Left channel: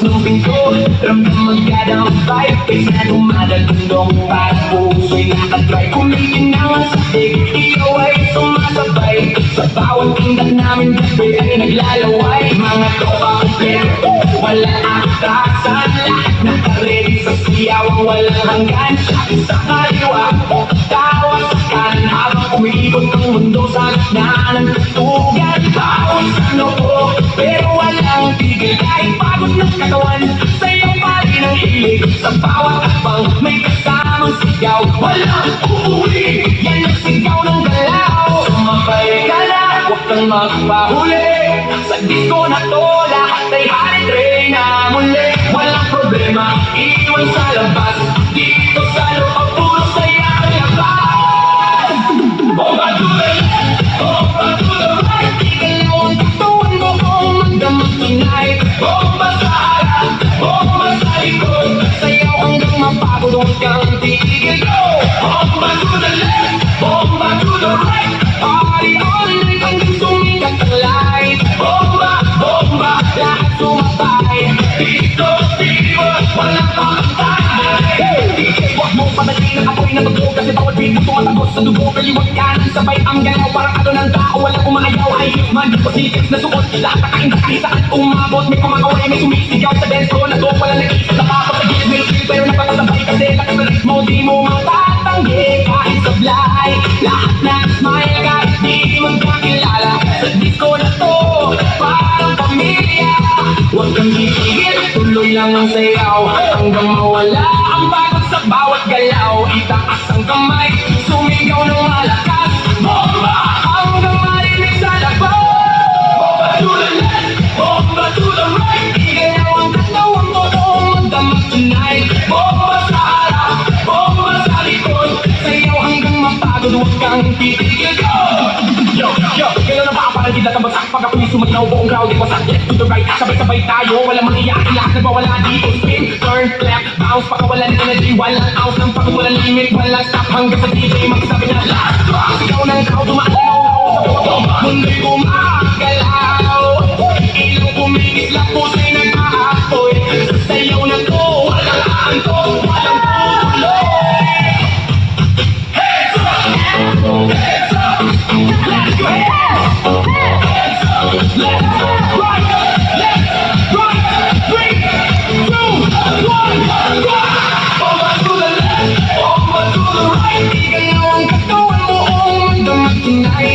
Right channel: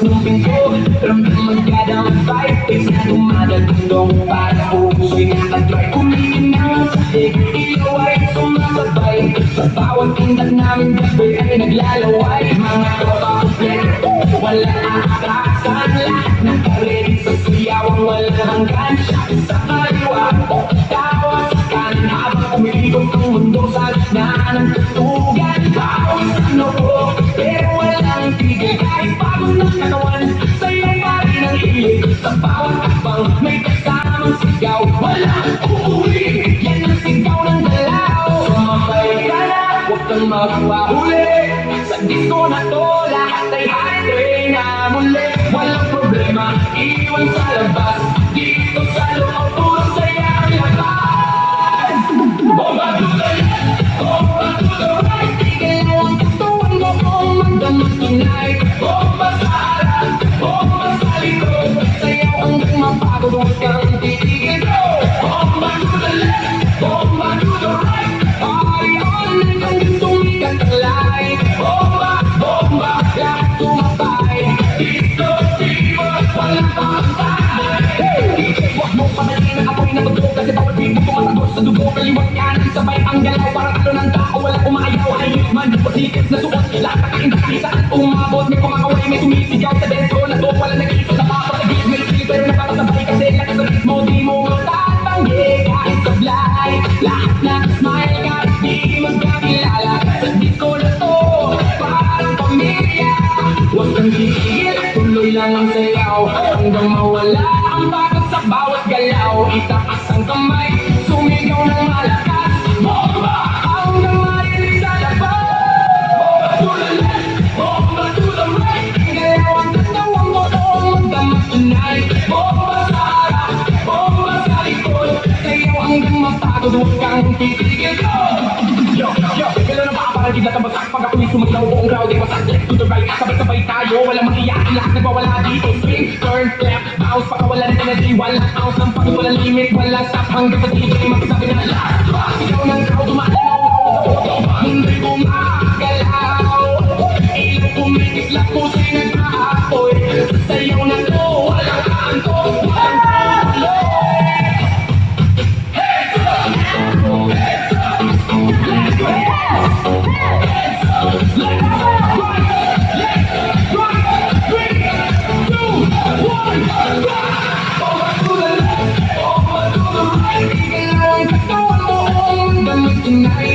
ng pinto, ramdam magkadang vibe. Kaysa dumadagundong para puso'y nakadrive. Kumikinang ang sadig, ikaw ay sumasabay. Sa bawang pindang namin gabi ay naglalaway. Mga tropa kompleto, wala atrasan. Nakaredy sa siyaw, walang hanggan. Sa kaliwa, tawa sa kanan. Habang umiibot ang mundo sa gitna ng tutugan. Bawang ano ko, pero walang tigil. Kahit pagod ng katawan, sa iyong mali ng hilig. Sa bawat akbang, may kasamang sigaw. Walang uuwi, yan ang sigaw ng galaw. Sumabay ka na, huwag kang magpahuli. Sa disco na to, lahat ay high na muli. Walang problema, iwan sa labas. Dito sa loob, puro saya ang labas. Bomba to the left, bomba to the right. Tigil mo ang katawan mo kung magdamag tonight. Bomba sa harap, bomba sa likod. Sayaw hanggang mapagod, huwag kang titigil. Bomba to the left, bomba to the right. Party all night hanggang sumikat ang light. Bomba, bomba, lahat sumatay. Dito, dito, walang pantay. Huwag mo padaliin ang apoy na totoo. Kasi bawat beat mo tumatagos sa dugo. Kaliwag kanan, sabay ang galaw. Parang ato ng tao, walang umayaw. Ay, man, positive na suot. Lahat nakain kahit saan umabot. May pumagaway, may sumisigaw sa dance ko. Nag-o, walang nakita na kapag sa gilid. May skill, pero napatasabay kasi nakasalit mo. Di mo matatanggi kahit sablay. Lahat na smile kahit di magkakilala. Sa disco na to, parang pamilya. Huwag kang titigil, tuloy lang ang sayaw. Hanggang mawala ang bagot sa bawat galaw. Itaas ang kamay, sumigaw ng malakas. Bomba hanggang marinig sa labas. Bomba to the left, bomba to the right. Igalaw ang katawan mo noong magdamag tonight. Bomba sa harap, bomba sa likod. Sayaw hanggang mapagod, huwag kang titigil. Yo, yo, gano'n na ba ang parang di natabagsak? Pag ako'y sumaglaw, buong crowd ay wasak. Left to the right, sabay-sabay tayo. Walang mangyayari, lahat na bawala dito. Spin, turn, clap, bounce. Pag walang energy, walang ounce. Ng pag walang limit, walang stop. Hanggang sa DJ magsabi na last drop. Sigaw ng crowd, tumaalaw. Mundo'y gumagalaw. Ilang kumikislap, pusa'y nag-aapoy. Sayaw na to, walang antong, walang tuloy. Heads up! Heads up! Heads up! Tonight